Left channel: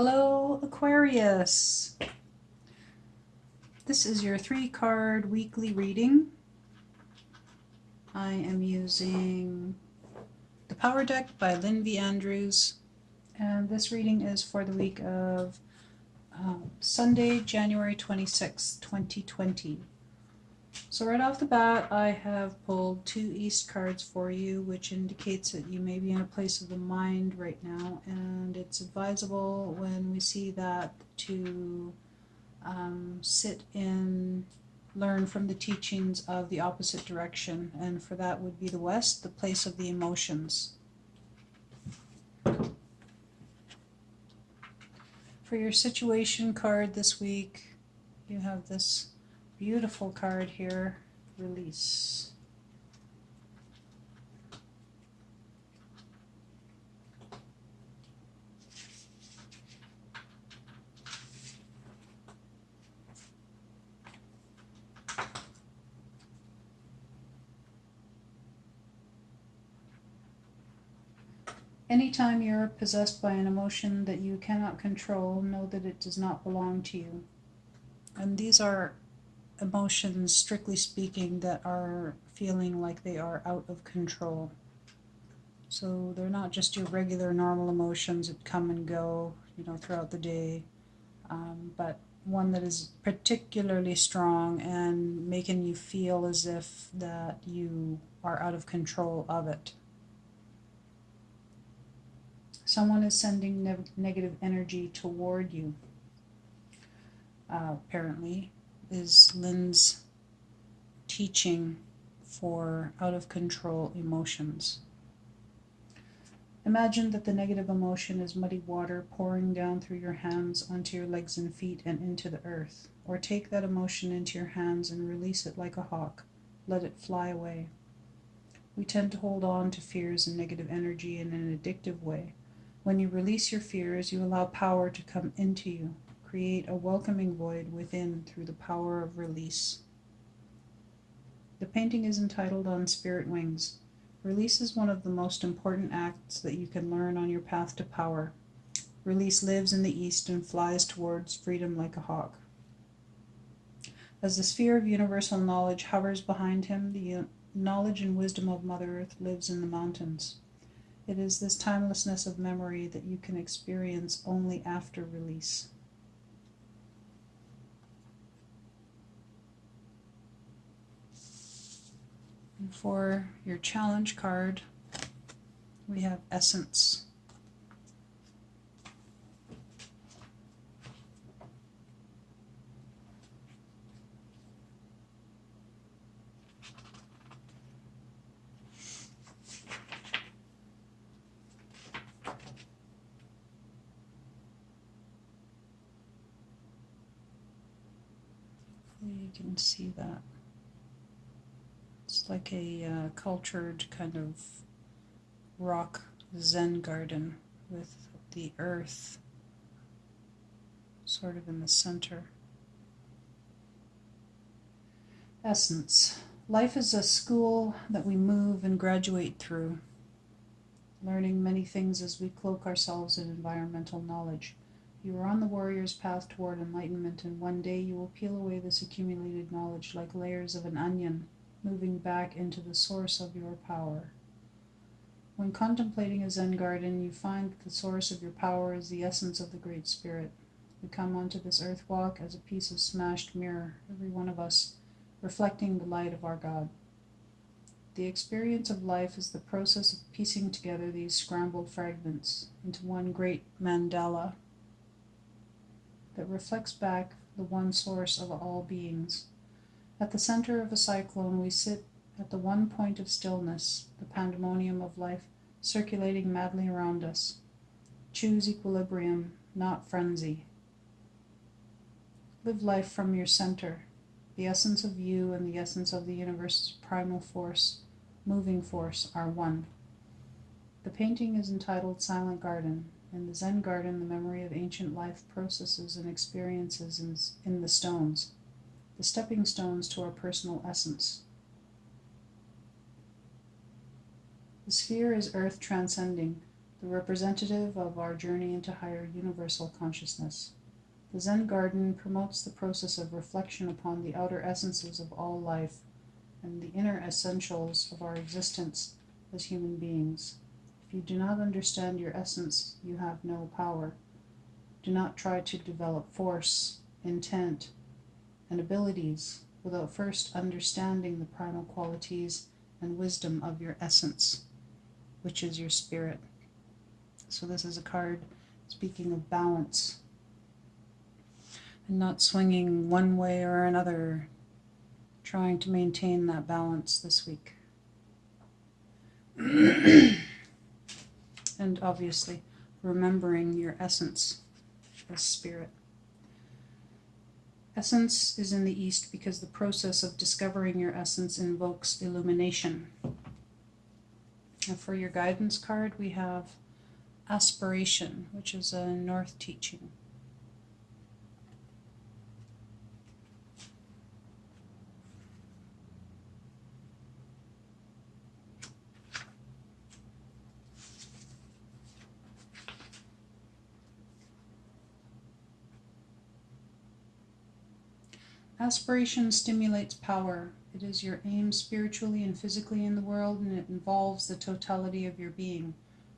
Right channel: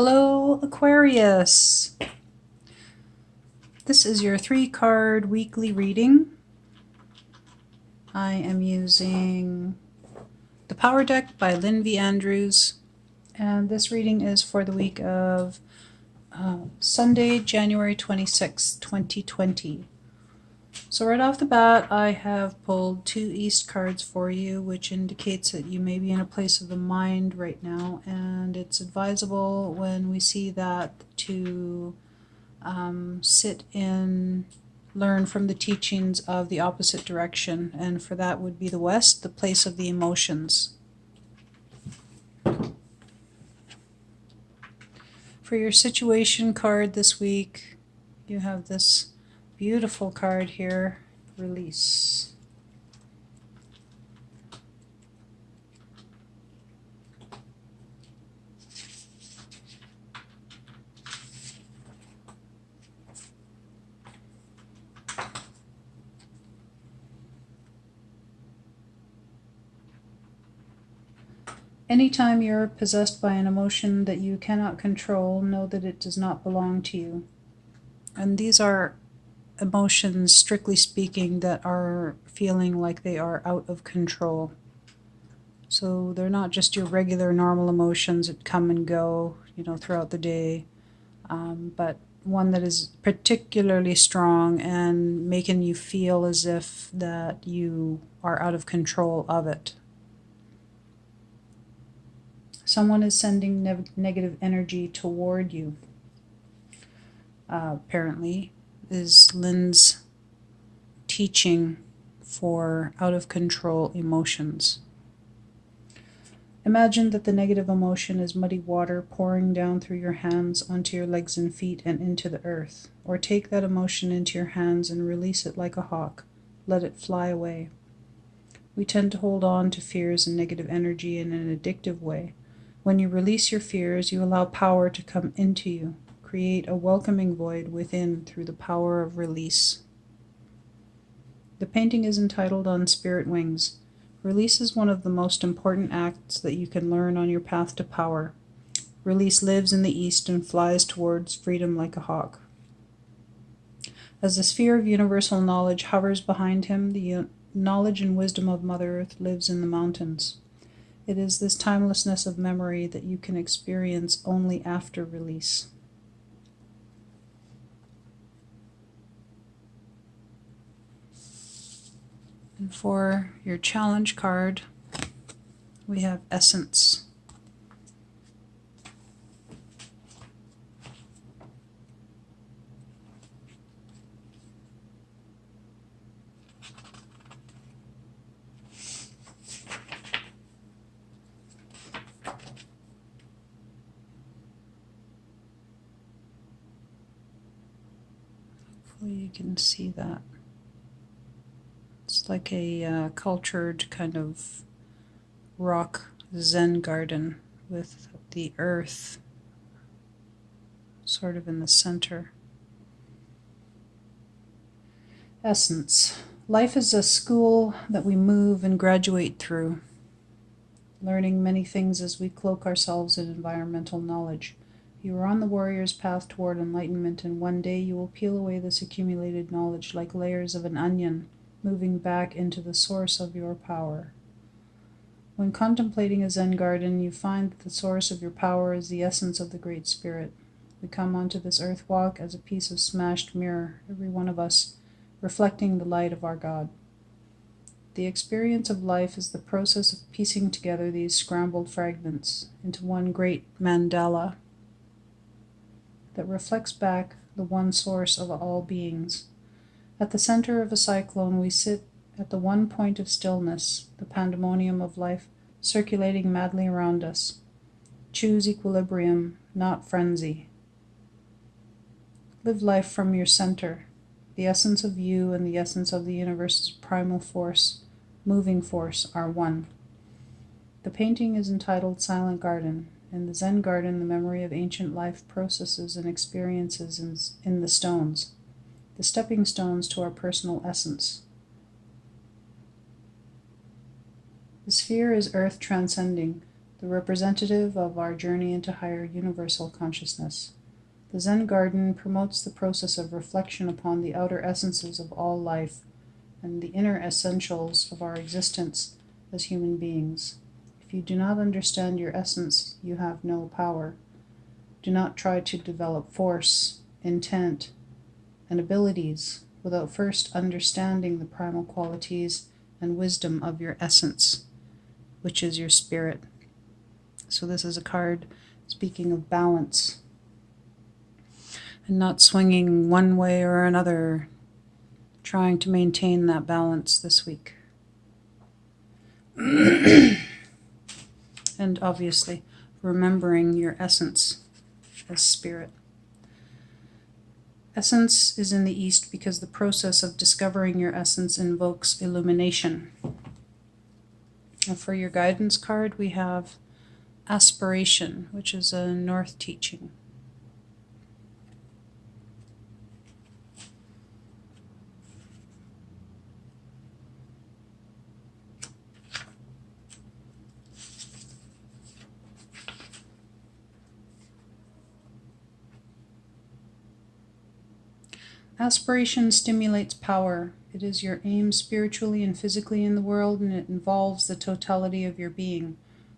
Hello, Aquarius. This is your 3-card weekly reading. I am using the Power Deck by Lynn V. Andrews, and this reading is for the week of Sunday, January 26, 2020. So right off the bat, I have pulled 2 East cards for you, which indicates that you may be in a place of the mind right now, and it's advisable when we see that to sit in, learn from the teachings of the opposite direction, and for that would be the West, the place of the emotions. For your situation card this week, you have this beautiful card here, Release. Anytime you're possessed by an emotion that you cannot control, know that it does not belong to you. And these are emotions, strictly speaking, that are feeling like they are out of control. So they're not just your regular normal emotions that come and go, throughout the day, but one that is particularly strong and making you feel as if that you are out of control of it. Someone is sending negative energy toward you. Apparently, is Lynn's teaching for out of control emotions. Imagine that the negative emotion is muddy water pouring down through your hands onto your legs and feet and into the earth. Or take that emotion into your hands and release it like a hawk. Let it fly away. We tend to hold on to fears and negative energy in an addictive way. When you release your fears, you allow power to come into you. Create a welcoming void within through the power of release. The painting is entitled On Spirit Wings. Release is one of the most important acts that you can learn on your path to power. Release lives in the east and flies towards freedom like a hawk. As the sphere of universal knowledge hovers behind him, the knowledge and wisdom of Mother Earth lives in the mountains. It is this timelessness of memory that you can experience only after release. And for your challenge card, we have Essence. Hopefully you can see that. It's like a cultured kind of rock Zen garden with the earth sort of in the center. Essence. Life is a school that we move and graduate through, learning many things as we cloak ourselves in environmental knowledge. You are on the warrior's path toward enlightenment, and one day you will peel away this accumulated knowledge like layers of an onion, moving back into the source of your power. When contemplating a Zen garden, you find that the source of your power is the essence of the Great Spirit. We come onto this earth walk as a piece of smashed mirror, every one of us, reflecting the light of our God. The experience of life is the process of piecing together these scrambled fragments into one great mandala that reflects back the one source of all beings. At the center of a cyclone, we sit at the one point of stillness, the pandemonium of life circulating madly around us. Choose equilibrium, not frenzy. Live life from your center. The essence of you and the essence of the universe's primal force, moving force, are one. The painting is entitled Silent Garden. In the Zen garden, the memory of ancient life processes and experiences in the stones, the stepping stones to our personal essence. The sphere is earth transcending, the representative of our journey into higher universal consciousness. The Zen garden promotes the process of reflection upon the outer essences of all life and the inner essentials of our existence as human beings. If you do not understand your essence, you have no power. Do not try to develop force, intent, and abilities without first understanding the primal qualities and wisdom of your essence, which is your spirit. So this is a card speaking of balance and not swinging one way or another, trying to maintain that balance this week. And obviously, remembering your essence as spirit. Essence is in the East because the process of discovering your essence invokes illumination. And for your guidance card, we have aspiration, which is a North teaching. Aspiration stimulates power. It is your aim spiritually and physically in the world, and it involves the totality of your being.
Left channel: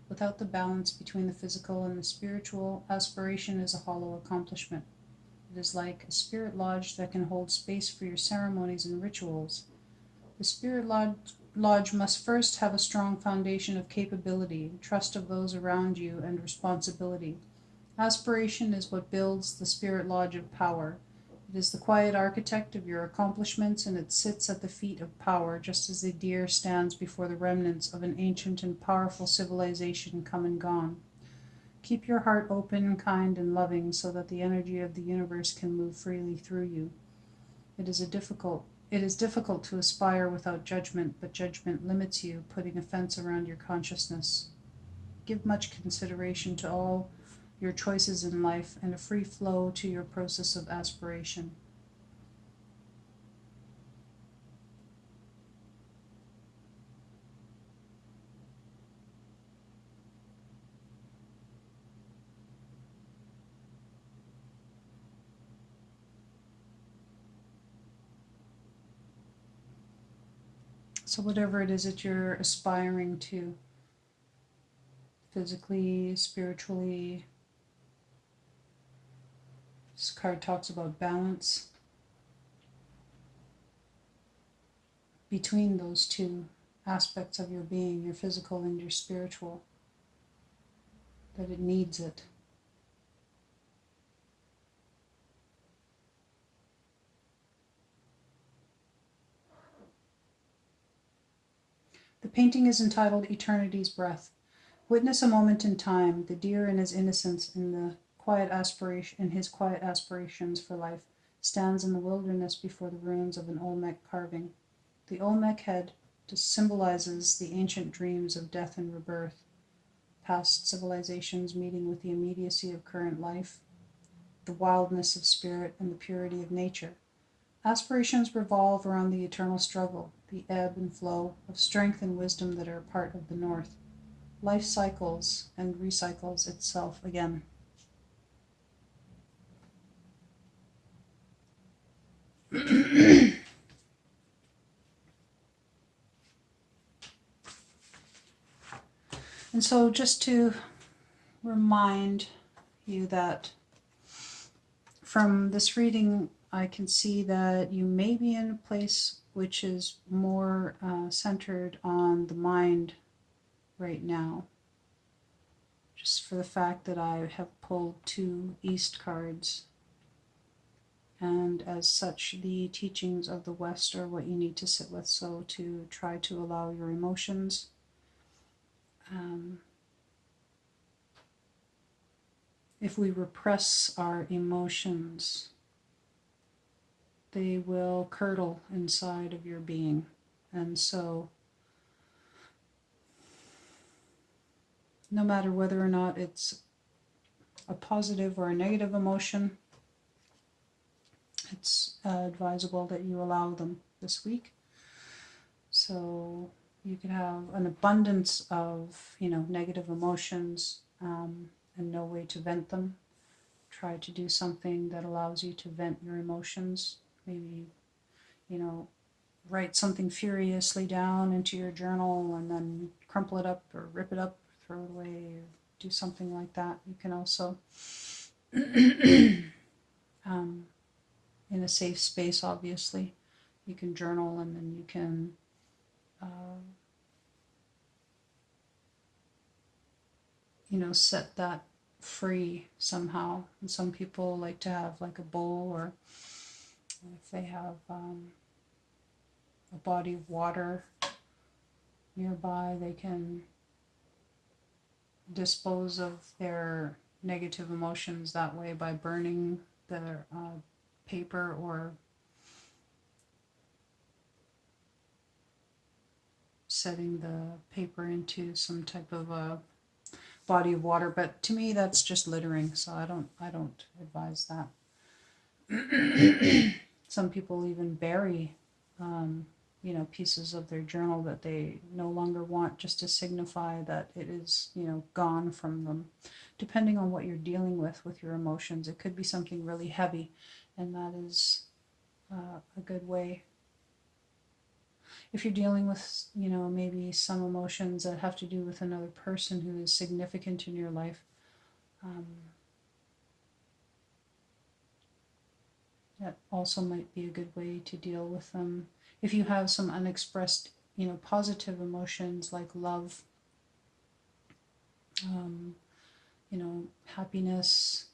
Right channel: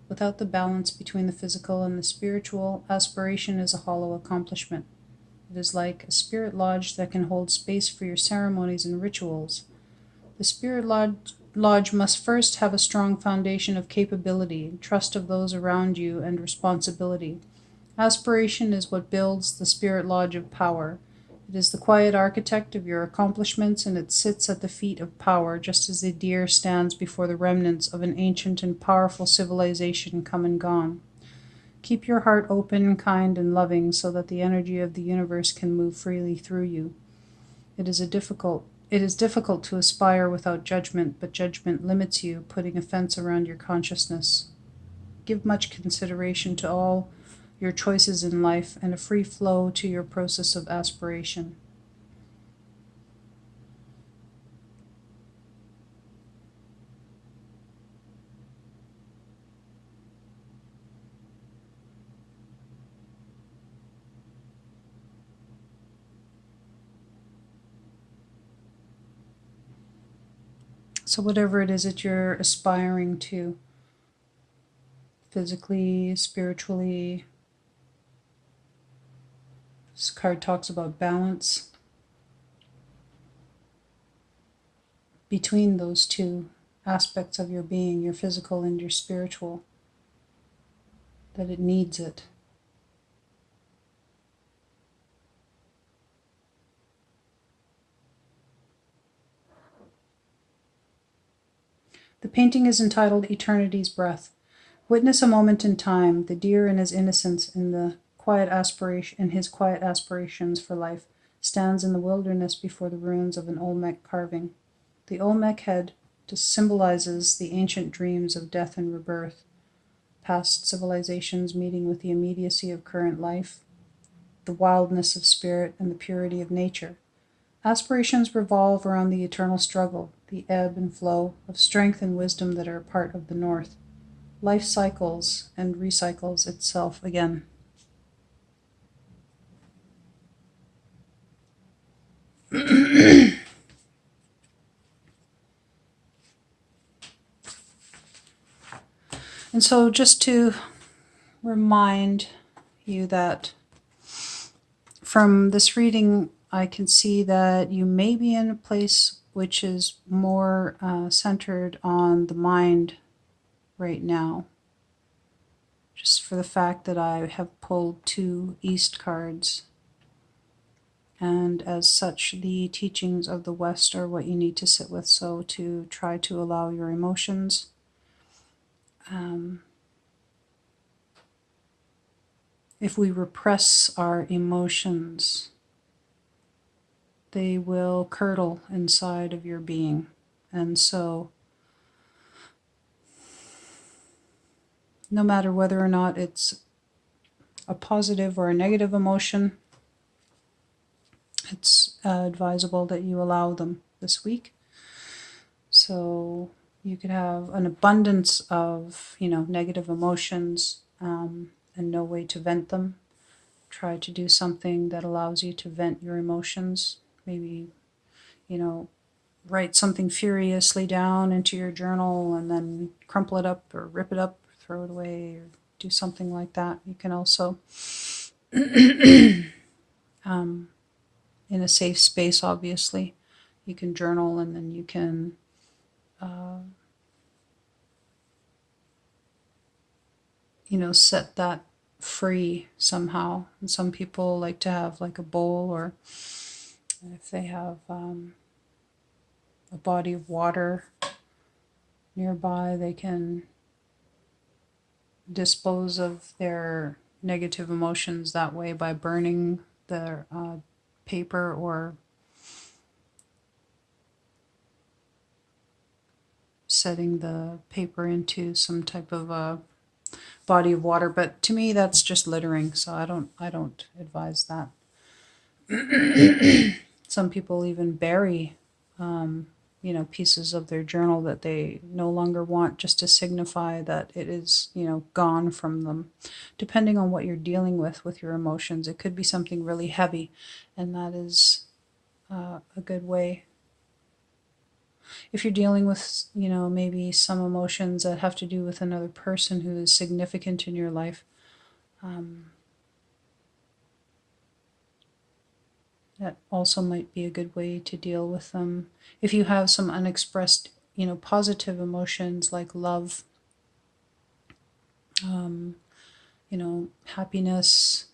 Without the balance between the physical and the spiritual, aspiration is a hollow accomplishment. It is like a spirit lodge that can hold space for your ceremonies and rituals. The spirit lodge must first have a strong foundation of capability, trust of those around you, and responsibility. Aspiration is what builds the spirit lodge of power. It is the quiet architect of your accomplishments, and it sits at the feet of power, just as the deer stands before the remnants of an ancient and powerful civilization come and gone. Keep your heart open, kind, and loving so that the energy of the universe can move freely through you. It is difficult to aspire without judgment, but judgment limits you, putting a fence around your consciousness. Give much consideration to all your choices in life and a free flow to your process of aspiration. So whatever it is that you're aspiring to, physically, spiritually, this card talks about balance between those two aspects of your being, your physical and your spiritual, that it needs it. The painting is entitled Eternity's Breath. Witness a moment in time, the deer in his innocence, in his quiet aspirations for life, stands in the wilderness before the ruins of an Olmec carving. The Olmec head symbolizes the ancient dreams of death and rebirth, past civilizations meeting with the immediacy of current life, the wildness of spirit, and the purity of nature. Aspirations revolve around the eternal struggle, the ebb and flow of strength and wisdom that are a part of the North. Life cycles and recycles itself again. And so just to remind you that from this reading, I can see that you may be in a place which is more centered on the mind right now. Just for the fact that I have pulled 2 East cards. And as such, the teachings of the West are what you need to sit with. So to try to allow your emotions if we repress our emotions, they will curdle inside of your being. And so no matter whether or not it's a positive or a negative emotion, it's advisable that you allow them this week. So You could have an abundance of, negative emotions and no way to vent them. Try to do something that allows you to vent your emotions. Maybe, write something furiously down into your journal and then crumple it up or rip it up, throw it away, or do something like that. You can also, um, in a safe space, obviously, you can journal and then you can set that free somehow. And some people like to have like a bowl, or if they have a body of water nearby, they can dispose of their negative emotions that way by burning their paper or setting the paper into some type of a body of water. But to me, that's just littering, so I don't advise that. Some people even bury pieces of their journal that they no longer want, just to signify that it is, gone from them. Depending on what you're dealing with your emotions, it could be something really heavy, and that is a good way. If you're dealing with, maybe some emotions that have to do with another person who is significant in your life, that also might be a good way to deal with them. If you have some unexpressed, positive emotions like love, happiness,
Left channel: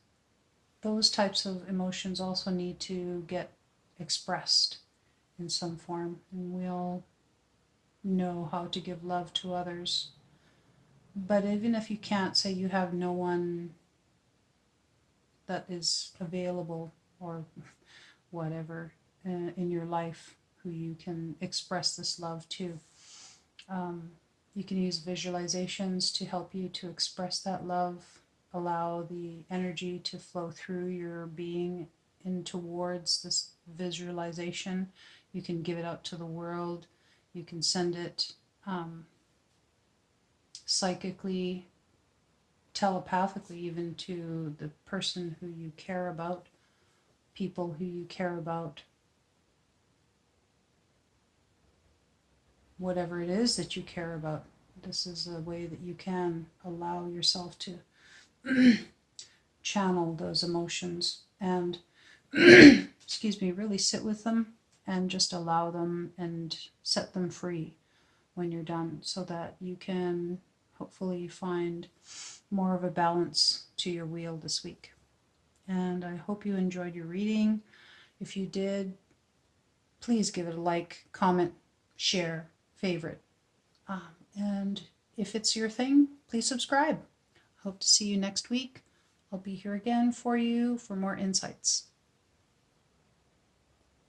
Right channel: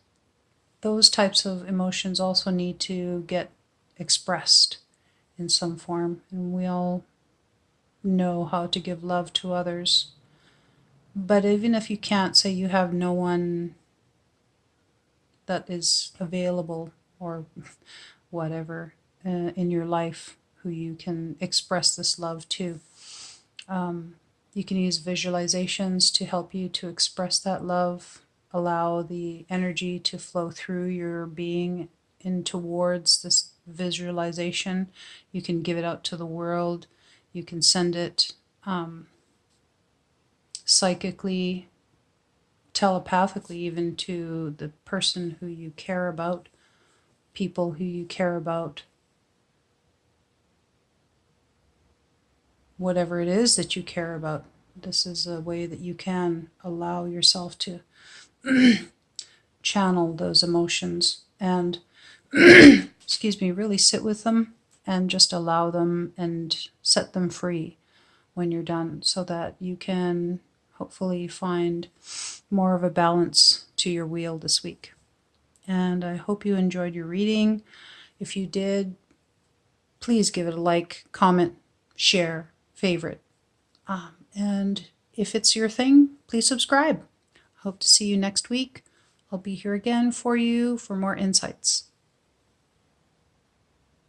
those types of emotions also need to get expressed in some form. And we all know how to give love to others. But even if you can't, say you have no one that is available or whatever in your life who you can express this love to, you can use visualizations to help you to express that love. Allow the energy to flow through your being in towards this visualization. You can give it out to the world. You can send it psychically, telepathically, even to the person who you care about, people who you care about, whatever it is that you care about. This is a way that you can allow yourself to channel those emotions and excuse me, really sit with them and just allow them and set them free when you're done, so that you can hopefully find more of a balance to your wheel this week. And I hope you enjoyed your reading. If you did, please give it a like, comment, share, favorite. And if it's your thing, please subscribe. Hope to see you next week. I'll be here again for you for more insights.